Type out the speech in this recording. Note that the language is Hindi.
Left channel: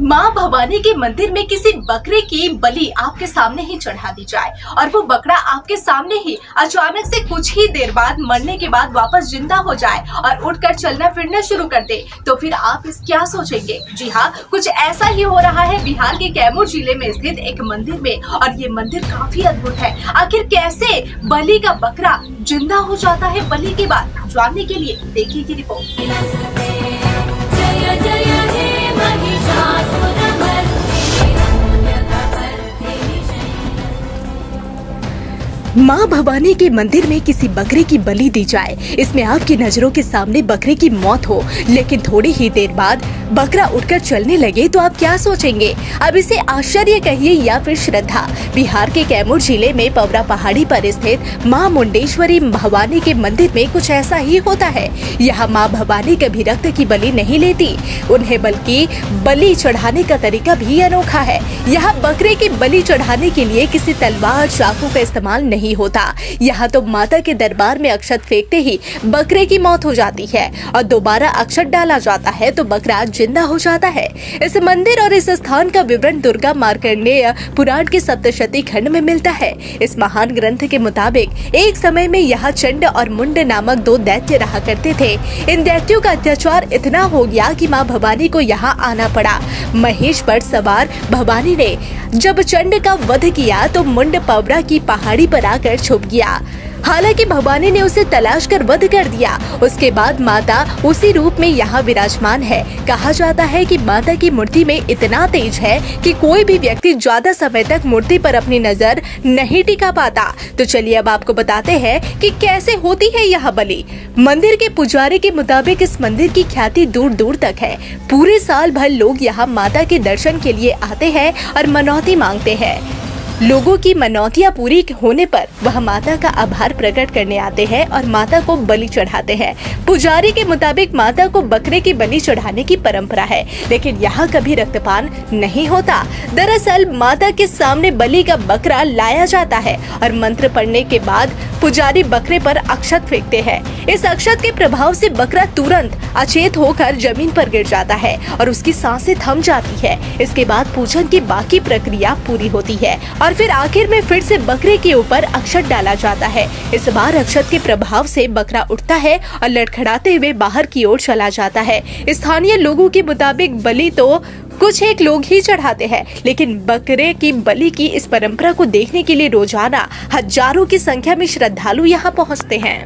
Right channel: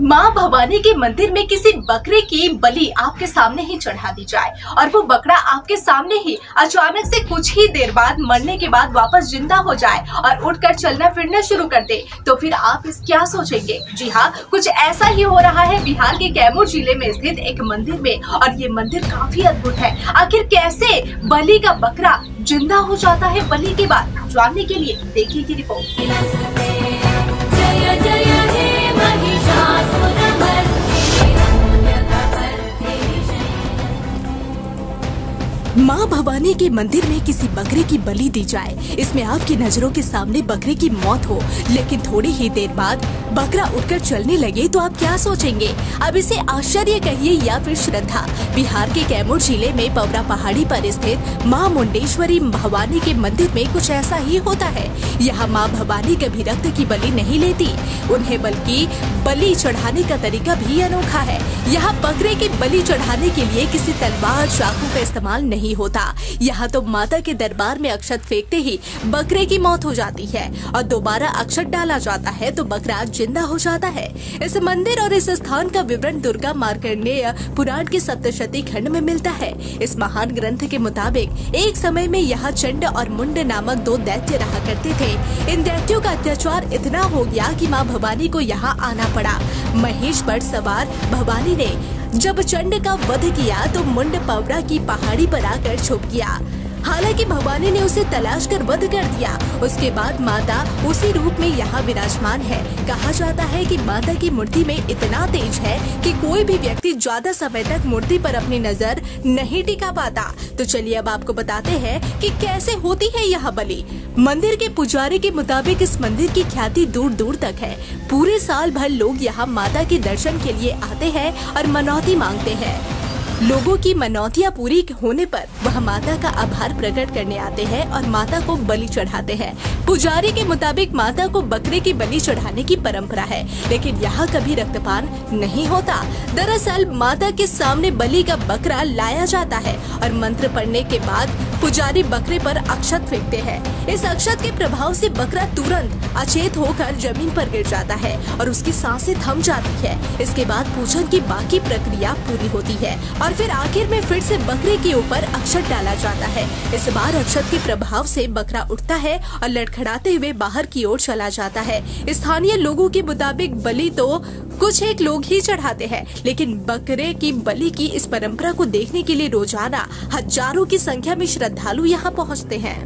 माँ भवानी के मंदिर में किसी बकरे की बलि आपके सामने ही चढ़ा दी जाए और वो बकरा आपके सामने ही अचानक से कुछ ही देर बाद मरने के बाद वापस जिंदा हो जाए और उठकर चलना फिरना शुरू कर दे, तो फिर आप इस क्या सोचेंगे। जी हाँ, कुछ ऐसा ही हो रहा है बिहार के कैमूर जिले में स्थित एक मंदिर में, और ये मंदिर काफी अद्भुत है। आखिर कैसे बलि का बकरा जिंदा हो जाता है बलि के बाद, जानने के लिए देखिए की रिपोर्ट। माँ भवानी के मंदिर में किसी बकरे की बलि दी जाए, इसमें आपकी नजरों के सामने बकरे की मौत हो, लेकिन थोड़ी ही देर बाद बकरा उठकर चलने लगे, तो आप क्या सोचेंगे। अब इसे आश्चर्य कहिए या फिर श्रद्धा। बिहार के कैमूर जिले में पवरा पहाड़ी पर स्थित माँ मुंडेश्वरी भवानी के मंदिर में कुछ ऐसा ही होता है। यहाँ माँ भवानी कभी रक्त की बलि नहीं लेती उन्हें, बल्कि बलि चढ़ाने का तरीका भी अनोखा है। यहाँ बकरे की बलि चढ़ाने के लिए किसी तलवार चाकू का इस्तेमाल नहीं होता। यहाँ तो माता के दरबार में अक्षत फेंकते ही बकरे की मौत हो जाती है और दोबारा अक्षत डाला जाता है तो बकरा जिंदा हो जाता है। इस मंदिर और इस स्थान का विवरण दुर्गा मार्कंडेय पुराण के सप्तशती खंड में मिलता है। इस महान ग्रंथ के मुताबिक एक समय में यहाँ चंड और मुंड नामक दो दैत्य रहा करते थे। इन दैत्यों का अत्याचार इतना हो गया कि माँ भवानी को यहाँ आना पड़ा। महेश पर सवार भवानी ने जब चंड का वध किया तो मुंड पवरा की पहाड़ी पर आकर छुप गया। हालांकि भवानी ने उसे तलाश कर वध कर दिया। उसके बाद माता उसी रूप में यहाँ विराजमान है। कहा जाता है कि माता की मूर्ति में इतना तेज है कि कोई भी व्यक्ति ज्यादा समय तक मूर्ति पर अपनी नजर नहीं टिका पाता। तो चलिए अब आपको बताते हैं कि कैसे होती है यह बलि। मंदिर के पुजारी के मुताबिक इस मंदिर की ख्याति दूर दूर तक है। पूरे साल भर लोग यहाँ माता के दर्शन के लिए आते हैं और मनौती मांगते हैं। लोगों की मनौतियां पूरी होने पर वह माता का आभार प्रकट करने आते हैं और माता को बलि चढ़ाते हैं। पुजारी के मुताबिक माता को बकरे की बलि चढ़ाने की परंपरा है, लेकिन यहाँ कभी रक्तपान नहीं होता। दरअसल माता के सामने बलि का बकरा लाया जाता है और मंत्र पढ़ने के बाद पुजारी बकरे पर अक्षत फेंकते हैं। इस अक्षत के प्रभाव से बकरा तुरंत अचेत होकर जमीन पर गिर जाता है और उसकी सांसें थम जाती है। इसके बाद पूजन की बाकी प्रक्रिया पूरी होती है और फिर आखिर में फिर से बकरे के ऊपर अक्षत डाला जाता है। इस बार अक्षत के प्रभाव से बकरा उठता है और लड़खड़ाते हुए बाहर की ओर चला जाता है। स्थानीय लोगों के मुताबिक बलि तो कुछ एक लोग ही चढ़ाते हैं, लेकिन बकरे की बलि की इस परंपरा को देखने के लिए रोजाना हजारों की संख्या में श्रद्धालु यहाँ पहुँचते हैं।